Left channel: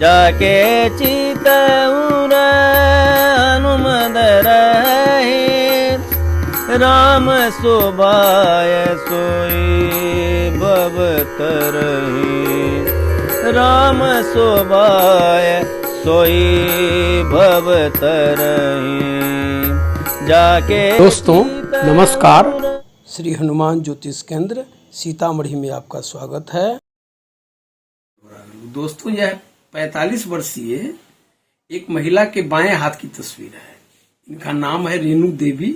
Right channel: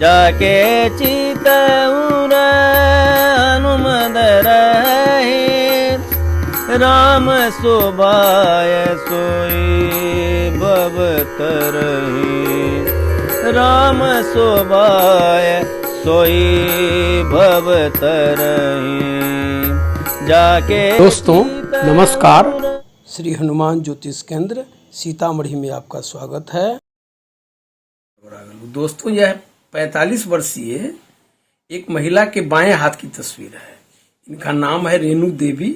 जाके चितउर हनुमद रहे राम शोभाय सोई भवतरहि राम शोभाय सोई भवतरहि जाके। दोस्तों नमस्कार, श्री हनुमान ज्योतिष केंद्र सीतामढ़ी में आपका स्वागत है। दोस्तों यह 45 वर्षीय एक महिला के बाएं हाथ की तस्वीर है। इनका नाम है रेणु देवी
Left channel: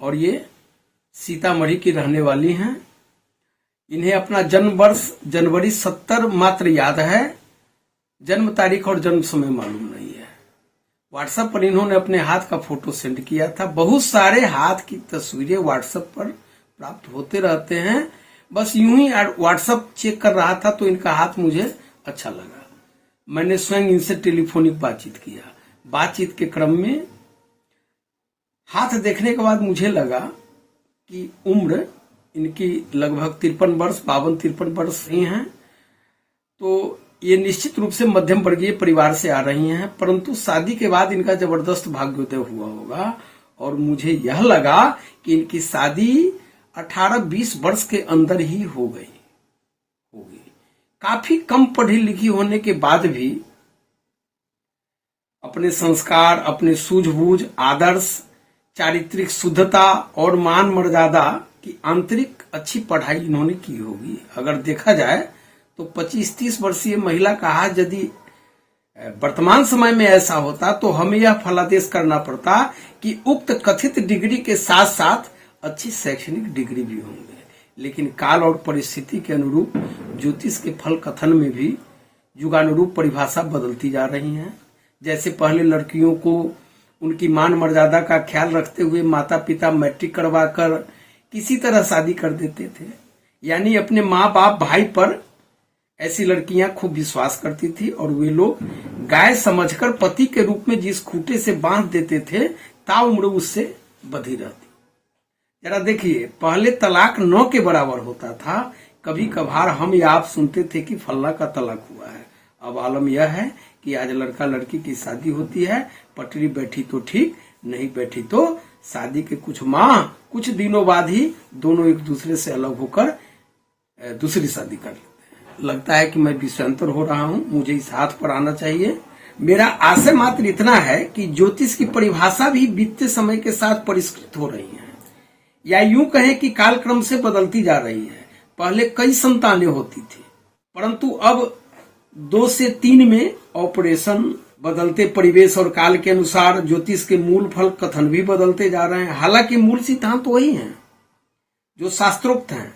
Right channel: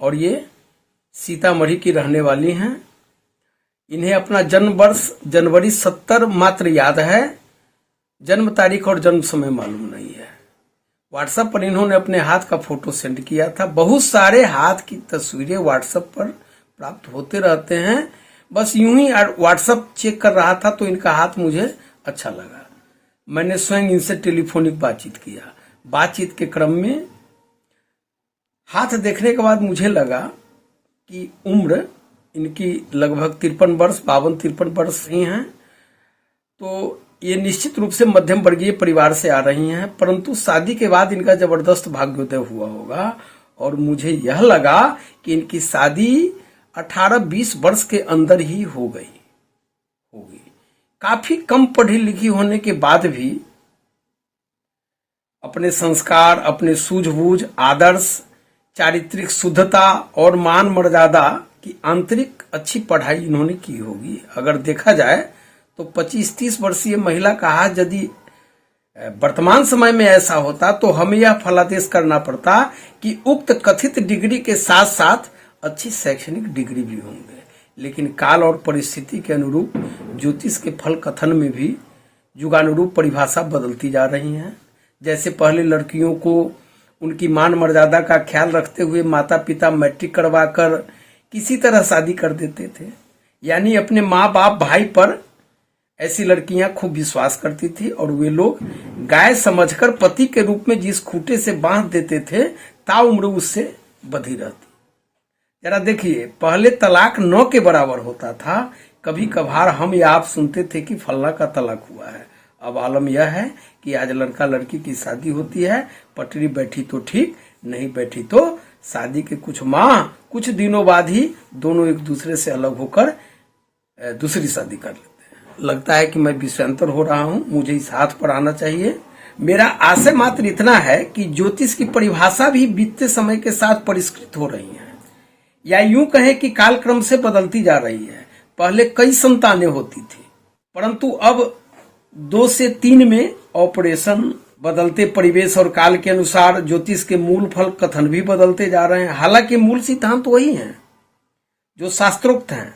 और ये सीतामढ़ी की रहने वाली हैं। इन्हें अपना जन्म वर्ष जनवरी 70 मात्र याद है, जन्म तारीख और जन्म समय मालूम नहीं है। व्हाट्सएप पर इन्होंने अपने हाथ का फोटो सेंड किया था। बहुत सारे हाथ की तस्वीरें व्हाट्सएप पर प्राप्त होते रहते हैं। बस यूं ही व्हाट्सएप चेक कर रहा था तो इनका हाथ मुझे अच्छा लगा। मैंने स्वयं इनसे टेलीफोनिक बातचीत किया। बातचीत के क्रम में हाथ देखने के बाद मुझे लगा कि उम्र इनकी लगभग 53 वर्ष 52-53 वर्ष ही है। तो ये निश्चित रूप से मध्यम वर्गीय परिवार से आ रही हैं, परंतु शादी के बाद इनका जबरदस्त भाग्योदय हुआ होगा और मुझे यह लगा कि इनकी शादी 18-20 वर्ष के अंदर ही होगी। काफी कम पढ़ी लिखी होने के बाद भी अपने संस्कार, अपने सूझबूझ, आदर्श, चारित्रिक शुद्धता और मान मर्यादा की आंतरिक अच्छी पढ़ाई इन्होंने की होगी। अगर देखा जाए तो 25-30 वर्षीय महिला का हाथ यदि वर्तमान समय में ऐसा होता तो हमें यह फलादेश करना पड़ता कि उक्त कथित डिग्री के साथ साथ अच्छी शैक्षणिक डिग्री भी होंगे। लेकिन काल और परिस्थिति के अनुरूप ज्योतिष के फल कथन में भी युगानुरूप परिभाषा बदलती जा रही है। जैसे पहले लड़कियों को उनकी मान मर्यादा का ख्याल रखते हुए माता पिता मैट्रिक करवाकर किसी तरह शादी कर देते थे, यानी अपने माँ बाप भाई पर ऐसी लड़कियां खूब विश्वास करती थी और वे लोग गाय समझकर पति के रूप में जिस खूंटे से बांध देते थे ताउम्र उससे बधी रहती। जरा देखिए, पहले तलाक 9 के बराबर होता था। कभी कभार हम या आप सुनते थे कि फल्ला का तलाक हुआ है। अब आलम यह है कि आज लड़का लड़की की शादी होती है, पटरी बैठी तो ठीक, नहीं बैठी तो शादी के कुछ माह कुछ दिनों बाद ही दोनों एक दूसरे से अलग होकर दूसरी शादी कर लेते हैं। लगता है कि मैं विषयांतर हो रहा हूँ, मुझे इस हाथ पर आना चाहिए। मेरा आशय मात्र इतना है कि ज्योतिष की परिभाषा भी बीतते समय के साथ परिष्कृत हो रही है, या यूं कहें कि कालक्रम से बदलती जा रही है। पहले कई संतानें होती थी, परंतु अब 2 से 3 में ऑपरेशन। बदलते परिवेश और काल के अनुसार ज्योतिष के मूल फल कथन भी बदलते जा रहे हैं। हालांकि मूल सिद्धांत वही हैं जो शास्त्रोक्त हैं।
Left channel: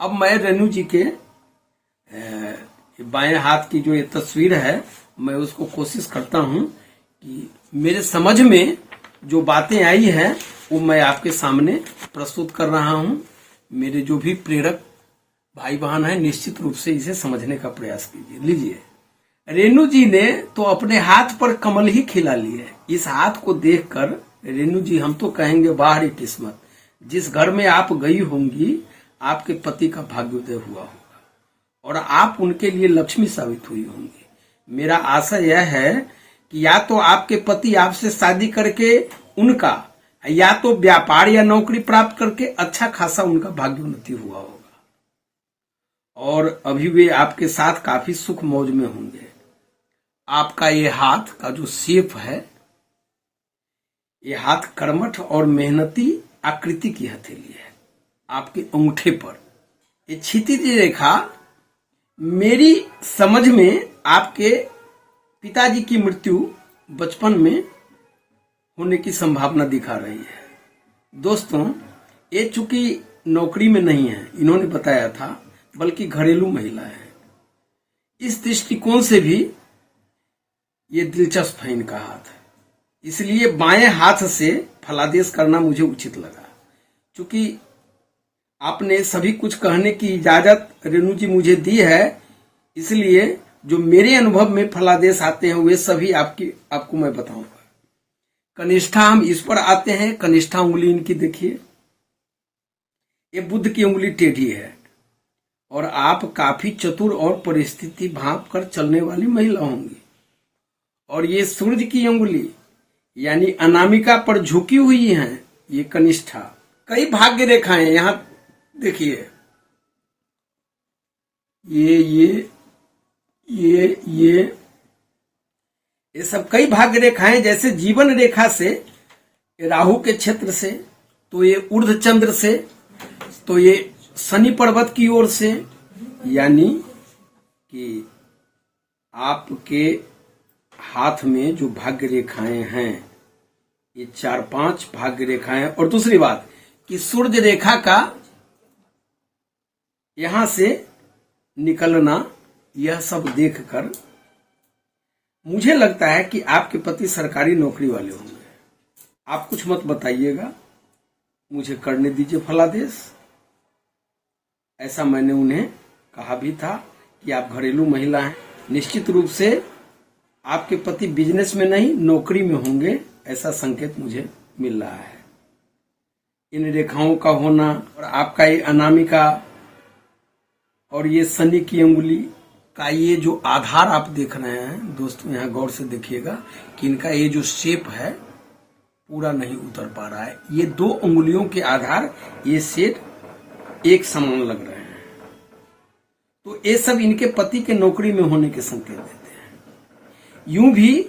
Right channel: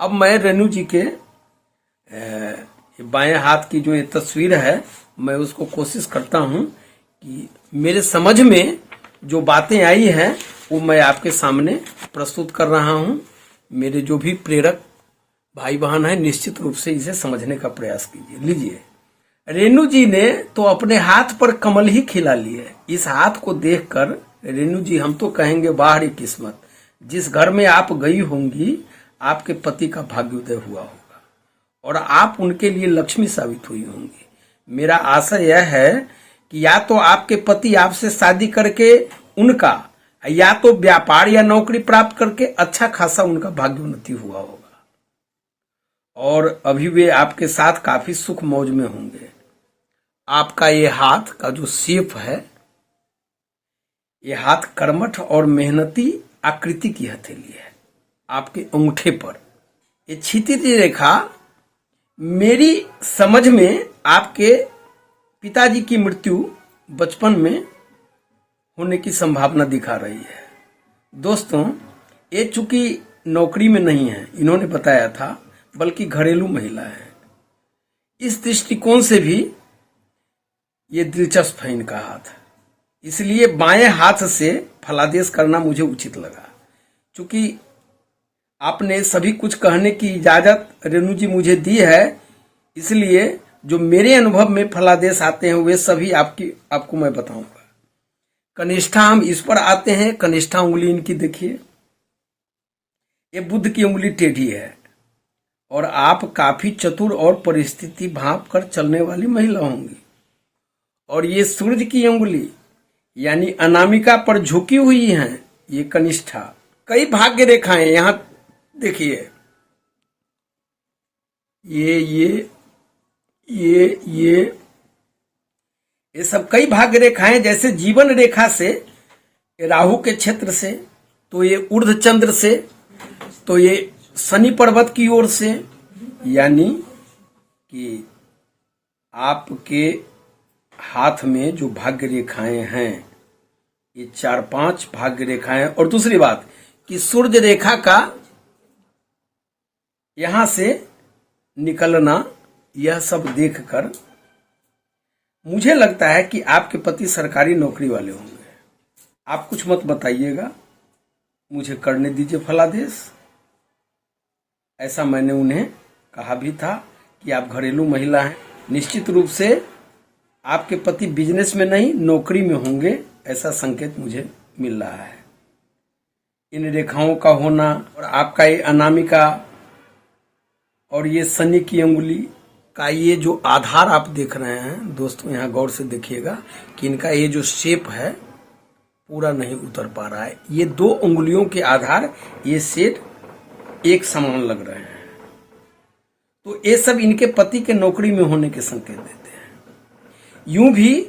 अब मैं रेणु जी के बाएं हाथ की जो ये तस्वीर है, मैं उसको कोशिश करता हूं कि मेरे समझ में जो बातें आई हैं वो मैं आपके सामने प्रस्तुत कर रहा हूं। मेरे जो भी प्रेरक भाई बहन हैं निश्चित रूप से इसे समझने का प्रयास कीजिए। लीजिए, रेणु जी ने तो अपने हाथ पर कमल ही खिला ली है। इस हाथ को देखकर रेणु जी हम तो कहेंगे बाहरी किस्मत। जिस घर में आप गई होंगी आपके पति का भाग्योदय हुआ होगा और आप उनके लिए लक्ष्मी साबित हुई होंगी। मेरा आशय यह है कि या तो आपके पति आपसे शादी करके उनका, या तो व्यापार या नौकरी प्राप्त करके अच्छा खासा उनका भाग्योन्नति हुआ होगा और अभी वे आपके साथ काफी सुख मौज में होंगे। आपका ये हाथ का जो शेप है, ये हाथ कर्मठ और मेहनती आकृति की हथेली है। आपके अंगूठे पर ये क्षितिज रेखा मेरी समझ में आपके पिताजी की मृत्यु बचपन में होने की संभावना दिखा रही है। दोस्तों, ये चूंकि नौकरी में नहीं है, इन्होंने बताया था, बल्कि घरेलू महिला है। इस दृष्टिकोण से भी ये दिलचस्प है इनका हाथ, इसलिए बाएं हाथ से फलादेश करना मुझे उचित लगा। चूंकि आपने सभी कुछ कहने की इजाजत रेणु जी मुझे दी है, इसलिए जो मेरे अनुभव में फलादेश आते हैं वे सभी आपको मैं बताऊंगा। कनिष्ठा, हम इस पर आते हैं। कनिष्ठा उंगली इनकी देखिए, ये बुध की उंगली टेढ़ी है और आप काफी चतुर और परिस्थिति भांप कर चलने वाली महिला होंगी। और ये सूर्य की उंगली यानी अनामिका पर झुकी हुई हैं, ये कनिष्ठा। कई भाग्य रेखाएं यहां देखिए, ये सब कई भाग्य रेखाएं, जैसे जीवन रेखा से राहु के क्षेत्र से, तो ये ऊर्ध्व चंद्र से, तो ये शनि पर्वत की ओर से, यानी कि आपके हाथ में जो भाग्य रेखाएं हैं ये 4-5 भाग्य रेखाएं। और दूसरी बात कि सूर्य रेखा का यहां से निकलना, यह सब देखकर मुझे लगता है कि आपके पति सरकारी नौकरी वाले होंगे। आप कुछ मत बताइएगा, मुझे करने दीजिए फलादेश। ऐसा मैंने उन्हें कहा भी था कि आप घरेलू महिला हैं, निश्चित रूप से आपके पति बिजनेस में नहीं नौकरी में होंगे, ऐसा संकेत मुझे मिल रहा है। इन रेखाओं का होना और आपका ये अनामिका और ये शनि की अंगुली का ये जो आधार आप देख रहे हैं दोस्तों, यहाँ गौर से देखिएगा कि इनका ये जो शेप है पूरा नहीं उतर पा रहा है। ये 2 उंगलियों के आधार ये सेट एक समान लग रहे हैं, तो ये सब इनके पति के नौकरी में होने के संकेत देते हैं। यूं भी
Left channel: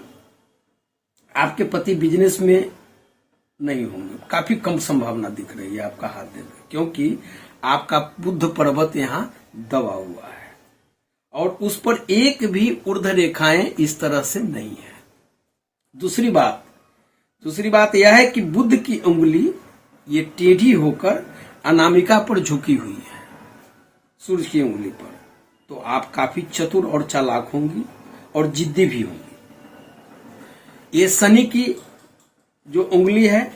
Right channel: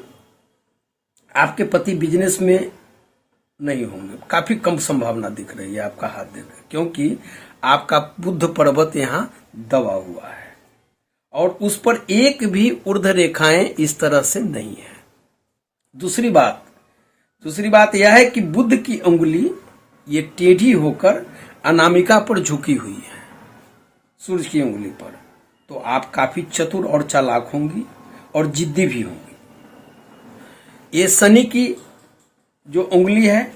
आपके पति बिजनेस में नहीं होंगे, काफी कम संभावना दिख रही है आपका हाथ देने, क्योंकि आपका बुध पर्वत यहाँ दबा हुआ है और उस पर एक भी ऊर्ध्व रेखाएं इस तरह से नहीं है। दूसरी बात यह है कि बुध की अंगुली ये टेढ़ी होकर अनामिका पर झुकी हुई है सूर्य की अंगुली पर, तो आप काफी चतुर और चालाक होंगी और जिद्दी भी होंगी। ये शनि की जो उंगली है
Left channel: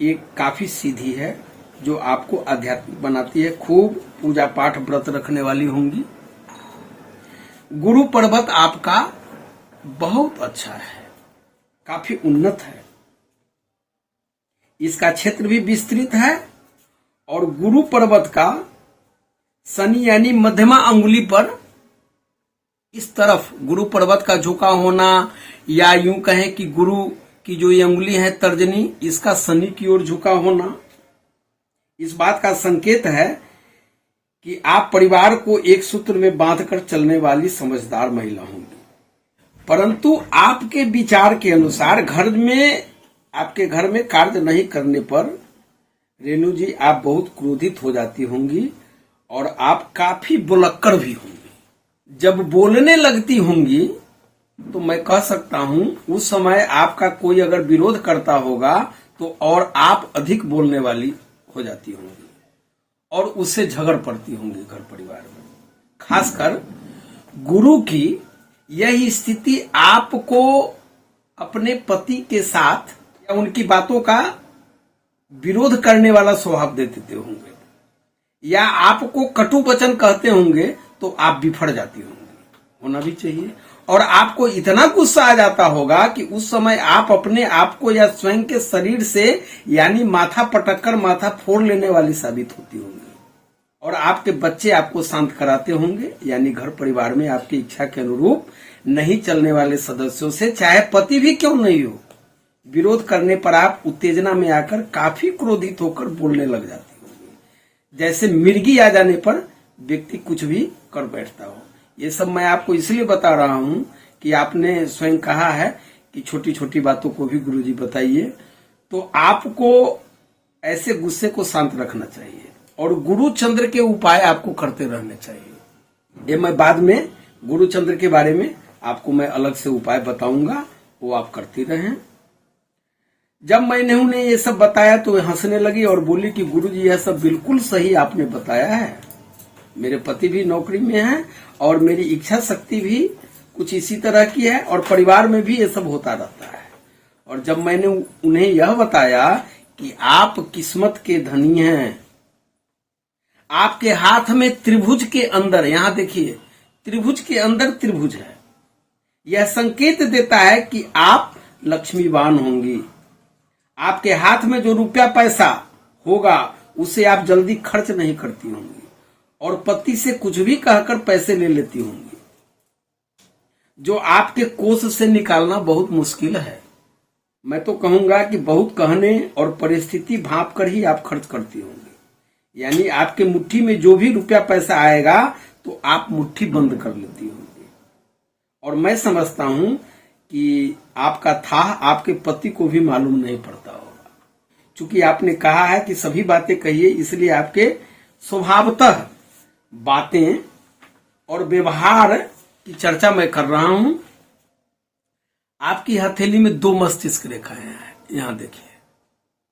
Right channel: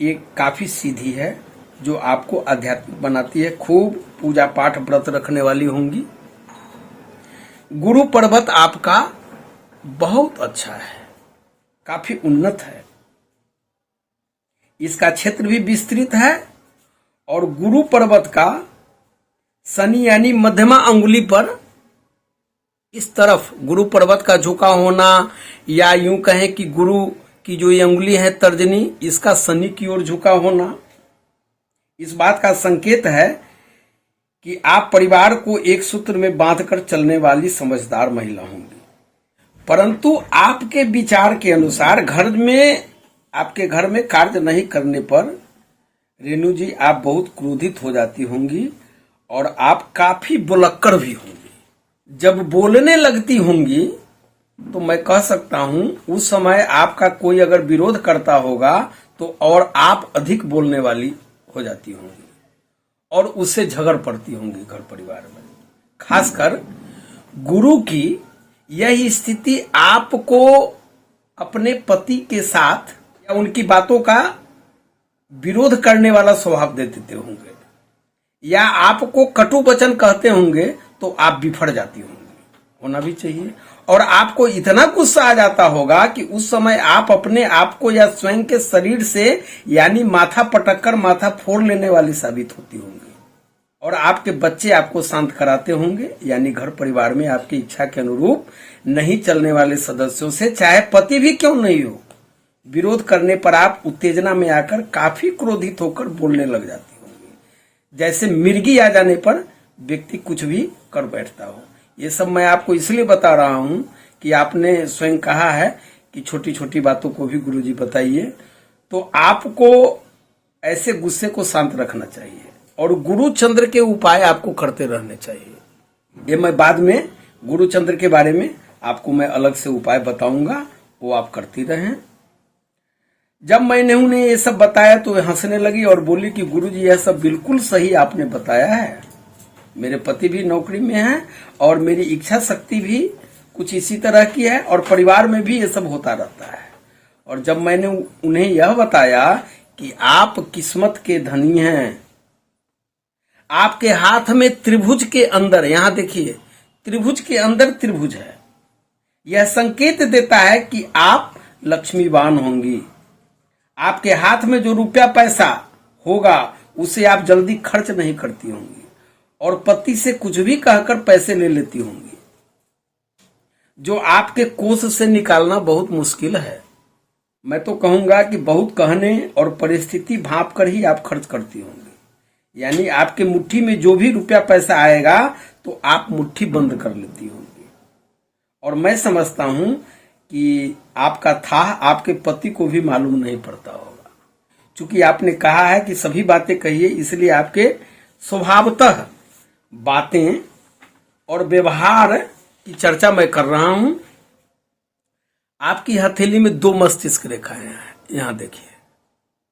ये काफी सीधी है, जो आपको आध्यात्मिक बनाती है। खूब पूजा पाठ व्रत रखने वाली होंगी। गुरु पर्वत आपका बहुत अच्छा है, काफी उन्नत है, इसका क्षेत्र भी विस्तृत है। और गुरु पर्वत का शनि यानी मध्यमा अंगुली पर इस तरफ गुरु पर्वत का झुका होना, या यूं कहें कि गुरु की जो ये अंगुली है तर्जनी, इसका शनि की ओर झुका होना, इस बात का संकेत है कि आप परिवार को एक सूत्र में बांधकर चलने वाली समझदार महिला होंगी। परंतु आपके विचार के अनुसार आपके घर में कार्य नहीं करने पर रेणु जी आप बहुत क्रोधित हो जाती होंगी और आप काफी बुलक्कड़ भी होंगी। जब बोलने लगती होंगी तो मैं कह सकता हूं उस समय आपका कोई अगर विरोध करता होगा तो और आप अधिक बोलने वाली हो जाती होंगी और उससे झगड़ पड़ती होंगी घर परिवार में। खासकर गुरु की यह स्थिति आपको अपने पति के साथ या उनकी बातों का विरोध करने वाला स्वभाव दे देते होंगे, या आपको कटु वचन कहते होंगे तो आप बिफड़ जाती होंगी, होना भी चाहिए। और आपको इतना गुस्सा आ जाता होगा कि उस समय आप अपने आप को या स्वयं के शरीर से यानी माथा पटककर माथा फोड़ लेने वाली साबित होती होंगी। और आपके बच्चे आपको शांत कराते होंगे, यानी घर परिवार में आपकी इच्छा के अनुरूप नहीं चलने वाले सदस्यों से, चाहे पति भी क्यों नहीं हो, विरोध करने पर आप उत्तेजना में आकर काफी क्रोधित होकर बोलने लग जाती होंगी, जैसे मिर्गी आ जाने पर व्यक्ति कुछ भी कर बैठता हो। ये सब मैं आपको इसलिए बता रहा हूं कि आपने स्वयं कहा है कि छोटी छोटी बातों को भी गुरुजी बताइए, तो आपको ऐसे गुस्से को शांत रखना चाहिए और गुरु चंद्र के उपाय आपको करते रहने चाहिए। ये मैं बाद में गुरु चंद्र के बारे में आपको मैं अलग से उपाय बताऊंगा, वो आप करती रहें। जब मैंने उन्हें ये सब बताया तो वे हंसने लगी और बोली कि गुरुजी यह सब बिल्कुल सही आपने बताया है, मेरे पति भी नौकरी में हैं और मेरी इच्छा शक्ति भी कुछ इसी तरह की है और परिवार में भी ये सब होता रहता है। और जब मैंने उन्हें यह बताया कि आप किस्मत के धनी हैं, आपके हाथ में त्रिभुज के अंदर, यहां देखिए त्रिभुज के अंदर त्रिभुज है, यह संकेत देता है कि आप लक्ष्मीवान होंगी। आपके हाथ में जो रुपया पैसा होगा उसे आप जल्दी खर्च नहीं करती होंगी और पति से कुछ भी कहकर पैसे ले लेती होंगी, जो आपके कोष से निकालना बहुत मुश्किल है। मैं तो कहूंगा कि बहुत कहने और परिस्थिति भांप कर ही आप खर्च करती होंगी। यानी आपके मुट्ठी में जो भी रुपया पैसा आएगा तो आप मुट्ठी बंद कर लेती होंगी। और मैं समझता हूं कि आपका था आपके पति को भी मालूम नहीं पड़ता होगा। चूंकि आपने कहा है कि सभी बातें कहिए, इसलिए आपके स्वभावतः बातें और व्यवहार की चर्चा मैं कर रहा हूं। आपकी हथेली में 2 मस्तिष्क रेखाएं हैं, यहां देखिए।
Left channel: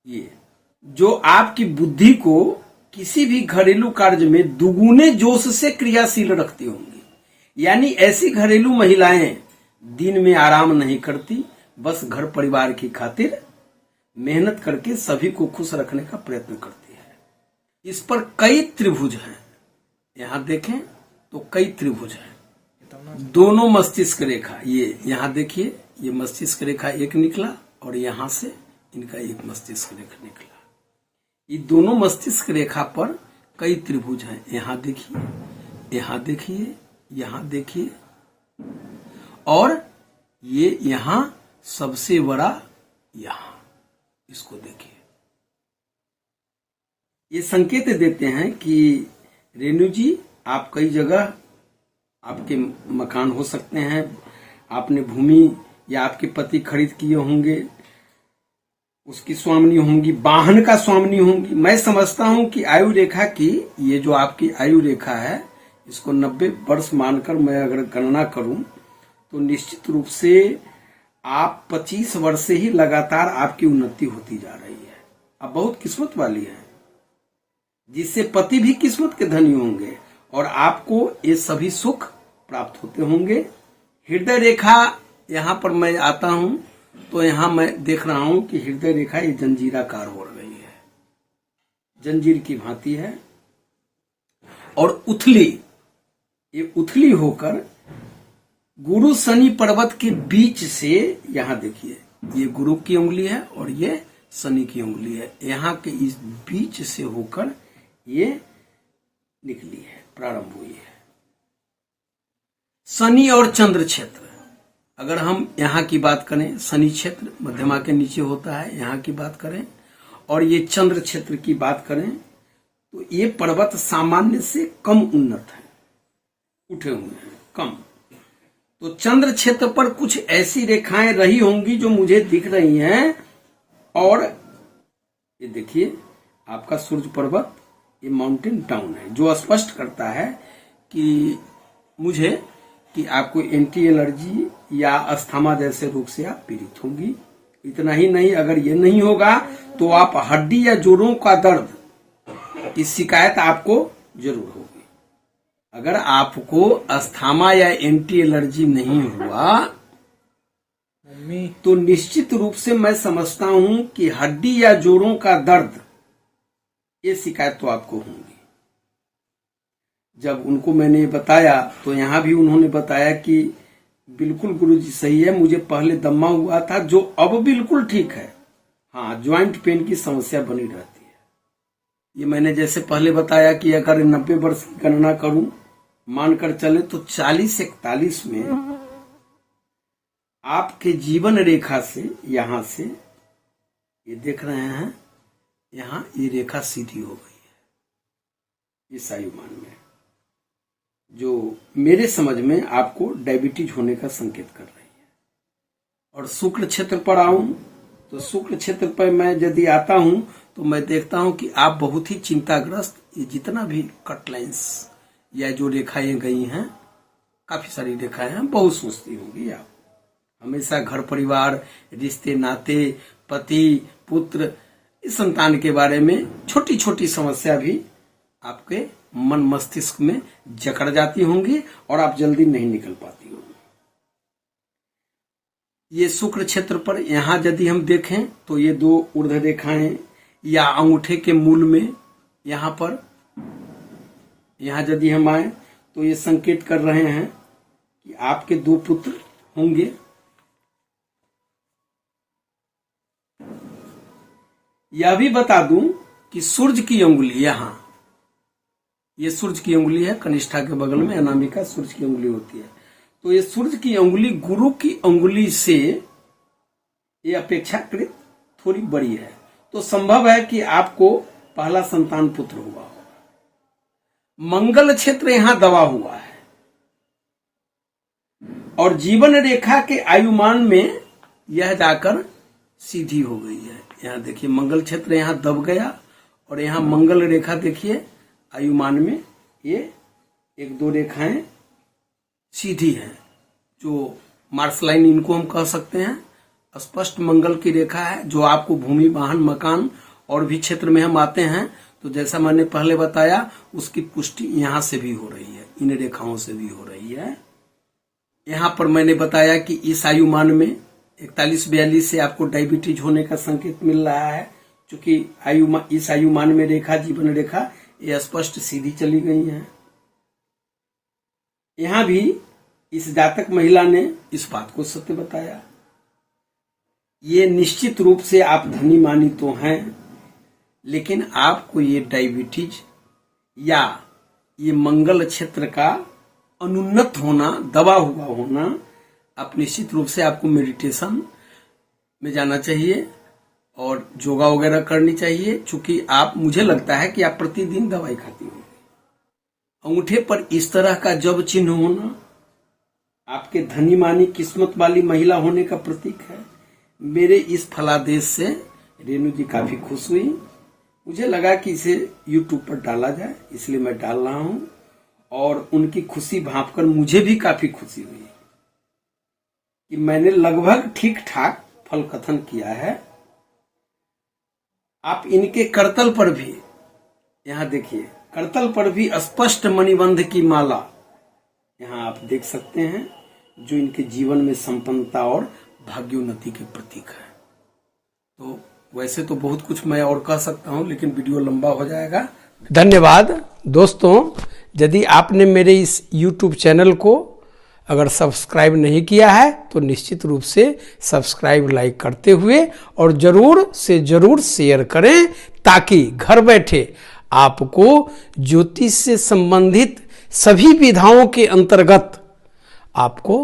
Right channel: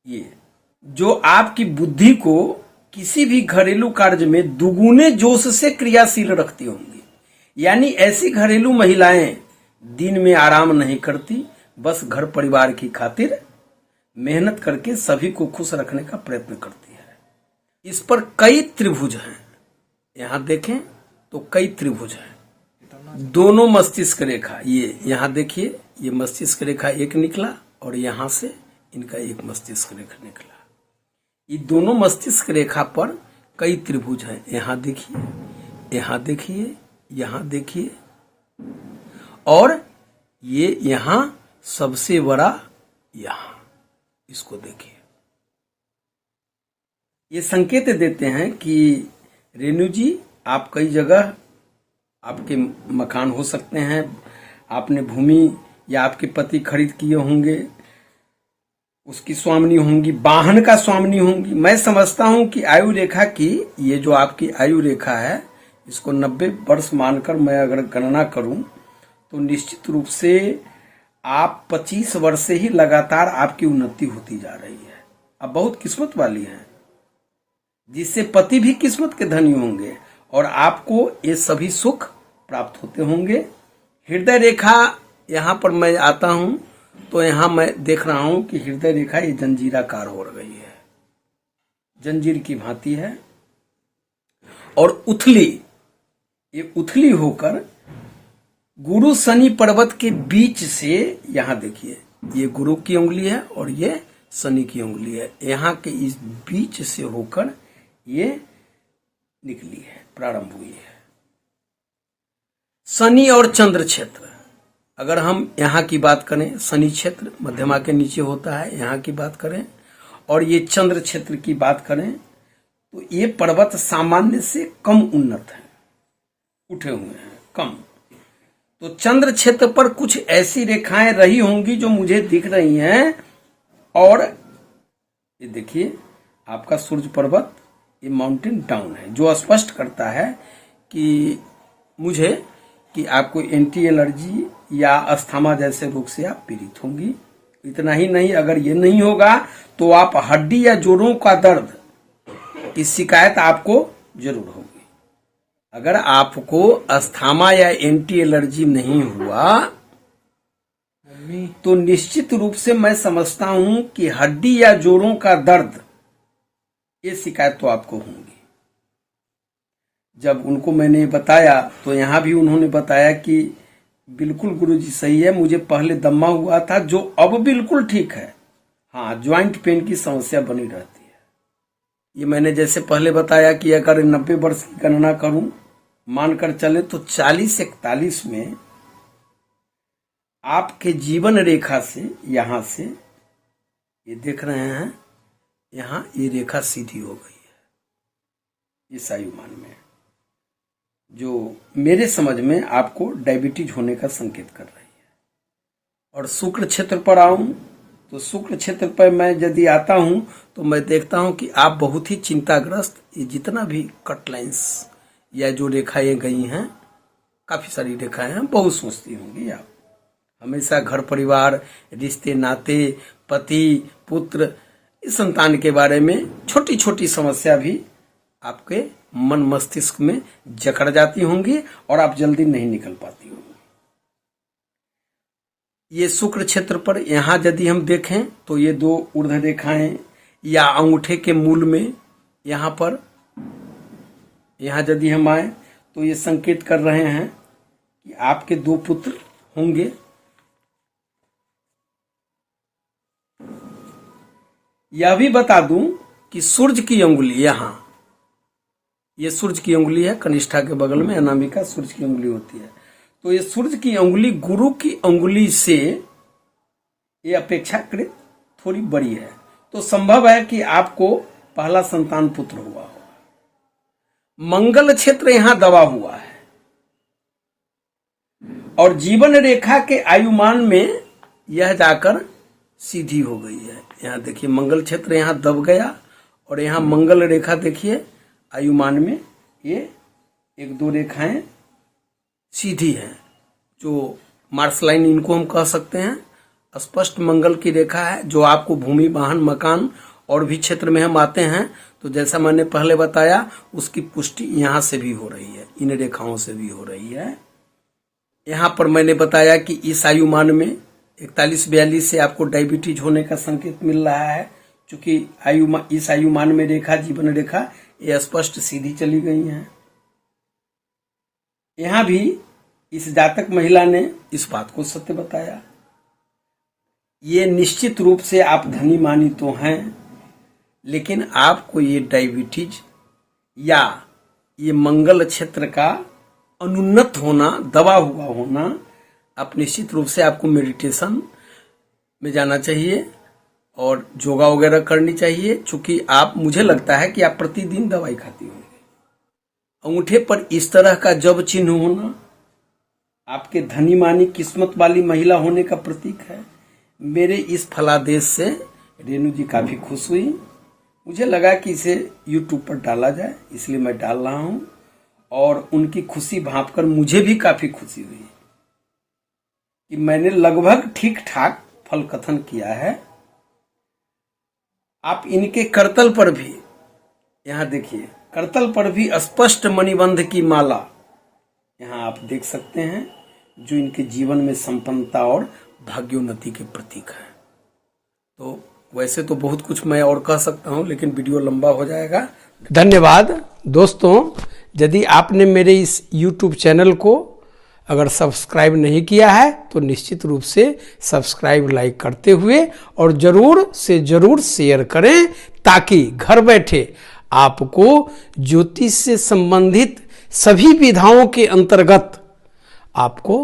ये जो आपकी बुद्धि को किसी भी घरेलू कार्य में दुगुने जोश से क्रियाशील रखती होंगी। यानी ऐसी घरेलू महिलाएं दिन में आराम नहीं करती, बस घर परिवार की खातिर मेहनत करके सभी को खुश रखने का प्रयत्न करती है। इस पर कई त्रिभुज हैं, यहां देखें तो कई त्रिभुज हैं। दोनों मस्तिष्क रेखा, ये यहां देखिए, ये मस्तिष्क रेखा एक निकला और यहां से इनका एक मस्तिष्क रेखा निकला। ये दोनों मस्तिष्क रेखा पर कई त्रिभुज हैं, यहां देखिए, यहां देखिए, यहां देखिए, और ये यहां सबसे बड़ा यहां, इसको देखिए। ये संकेत देते हैं कि रेणु जी, आप कई जगह आपके मकान हो सकते हैं, आपने भूमि या आपके पति खरीद किए होंगे, उसकी स्वामिनी होंगी, वाहन का स्वामिनी होंगी। मैं समझता हूं कि आयु रेखा की, ये जो आपकी आयु रेखा है, इसको 90 वर्ष मानकर मैं अगर गणना करूं तो निश्चित रूप से आप 25 वर्ष से ही लगातार आपकी उन्नति होती जा रही है। अब बहुत किस्मत वाली है, जिससे पति भी किस्मत के धनी होंगे और आपको ये सभी सुख प्राप्त होते होंगे। हृदय रेखा, यहां पर मैं आता हूं तो यहां मैं देख रहा हूं कि हृदय रेखा ये जंजीराकार हो रही है, जंजीर की भांति है, और उथली, ये उथली होकर गुरु शनि पर्वत के बीच से, यहां देखिए, ये गुरु की उंगली है और ये शनि की उंगली है, यहां के इस बीच से होकर ये निकली है, प्रारंभ हुई है। शनि और चंद्र क्षेत्र, अगर हम यहाँ की बात करें, शनि क्षेत्र मध्यमा के नीचे होता है, यहाँ की बात करें, और ये चंद्र क्षेत्र की बात करें तो ये पर्वत सामान्य से कम उन्नत है, उठे हुए हैं कम। तो चंद्र क्षेत्र पर कुछ ऐसी रेखाएं रही होंगी जो मुझे दिख रही हैं, और ये देखिए आपका सूर्य पर्वत, ये माउंटेन टाउन है, जो स्पष्ट करता है कि मुझे कि आपको एंटी एलर्जी या अस्थमा जैसे रोग से आप पीड़ित होंगी। इतना ही नहीं, अगर ये नहीं होगा तो आप हड्डी या जोड़ों का दर्द की शिकायत आपको जरूर होगी। अगर आपको अस्थमा या एंटी एलर्जी नहीं हुआ तो निश्चित रूप से मैं समझता हूं कि हड्डी या जोड़ों का दर्द, ये शिकायत तो आपको होगी। जब उनको मैंने बताया तो यहां भी उन्होंने बताया कि बिल्कुल गुरुजी सही है, मुझे पहले दम्मा हुआ था जो अब बिल्कुल ठीक है। हाँ, ज्वाइंट पेन की समस्या बनी रहती है। ये मैंने जैसे पहले बताया कि अगर 90 वर्ष की गणना करूं, मानकर चले तो 40-41 में आपके जीवन रेखा से, यहां से ये देख रहे हैं, यहां ये रेखा सीधी हो गई है इस आयुमान में, जो मेरे समझ में आपको डायबिटीज होने का संकेत कर रही है। और शुक्र क्षेत्र पर आऊं तो शुक्र क्षेत्र पर मैं यदि आता हूं तो मैं देखता हूं कि आप बहुत ही चिंताग्रस्त, ये जितना भी कट लाइन्स या जो रेखाएं गई हैं, काफी सारी रेखाएं हैं, बहुत सोचती होंगी आप। हमेशा घर परिवार, रिश्ते नाते, पति पुत्र, इस संतान के बारे में छोटी छोटी समस्या भी आपके मन मस्तिष्क में जकड़ जाती होंगी और आप जल्दी नहीं निकल पाती होंगी। ये शुक्र क्षेत्र पर यहां यदि हम देखें तो ये 2 ऊर्ध्व रेखाएं या अंगूठे के मूल में, यहां पर, यहां यदि हम आए तो ये संकेत कर रहे हैं कि आपके 2 पुत्र होंगे। यह भी बता दूं कि सूर्य की अंगुली यहां, ये सूर्य की उंगली है, कनिष्ठा के बगल में अनामिका सूर्य की उंगली होती है। तो ये सूर्य की उंगली गुरु की उंगली से ये अपेक्षाकृत थोड़ी बड़ी है, तो संभव है कि आपको पहला संतान पुत्र हुआ हो। मंगल क्षेत्र यहां दबा हुआ है और जीवन रेखा के आयुमान में यह जाकर सीधी हो गई है। यहाँ देखिए मंगल क्षेत्र यहाँ दब गया और यहाँ मंगल रेखा देखिए आयुमान में ये 1-2 रेखाएं सीधी हैं, जो मार्स लाइन इनको हम कह सकते हैं। स्पष्ट मंगल की रेखा है जो आपको भूमि, वाहन, मकान और भी क्षेत्र में हम आते हैं तो जैसा मैंने पहले बताया उसकी पुष्टि यहाँ से भी हो रही है, इन रेखाओं से भी हो रही है। यहाँ पर मैंने बताया कि इस आयुमान में 41-42 से आपको डायबिटीज होने का संकेत मिल रहा है, क्योंकि इस आयुमान में रेखा, जीवन रेखा ये स्पष्ट सीधी चली गई है। यहाँ भी इस जातक महिला ने इस बात को सत्य बताया। ये निश्चित रूप से आप धनी मानी तो हैं, लेकिन आपको ये डायबिटीज या ये मंगल क्षेत्र का अनुन्नत होना, दबा हुआ होना, आप निश्चित रूप से आपको मेडिटेशन में जाना चाहिए और योगा वगैरह करनी चाहिए, क्योंकि आप, मुझे लगता है कि आप प्रतिदिन दवाई खाती होंगी। अंगूठे पर इस तरह का जब चिन्ह होना आपके धनी मानी किस्मत वाली महिला होने का प्रतीक है। मेरे इस फलादेश से रेणु जी काफी खुश हुई। मुझे लगा कि इसे YouTube पर डाला जाए, इसलिए मैं डाल रहा हूं और उनकी खुशी भांपकर मुझे भी काफी खुशी हुई कि मैंने लगभग ठीक ठाक फल कथन किया है। आप इनके करतल पर भी, यहाँ देखिए, करतल पर भी स्पष्ट मणिबंध की माला यहाँ आप देख सकते हैं, जो इनके जीवन में संपन्नता और भाग्योन्नति के प्रतीक है। तो वैसे तो बहुत कुछ मैं और कह सकता हूं, लेकिन वीडियो लंबा हो जाएगा। धन्यवाद दोस्तों। यदि आपने मेरे इस YouTube चैनल को अगर सब्सक्राइब नहीं किया है तो निश्चित रूप से सब्सक्राइब, लाइक करते हुए और जरूर से जरूर शेयर करें, ताकि घर बैठे आपको ज्योतिष से संबंधित सभी विधाओं के अंतर्गत आपको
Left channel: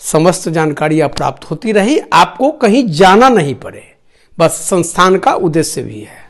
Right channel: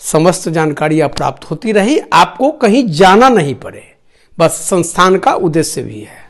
समस्त जानकारियां प्राप्त होती रही, आपको कहीं जाना नहीं पड़े। बस संस्थान का उद्देश्य भी है।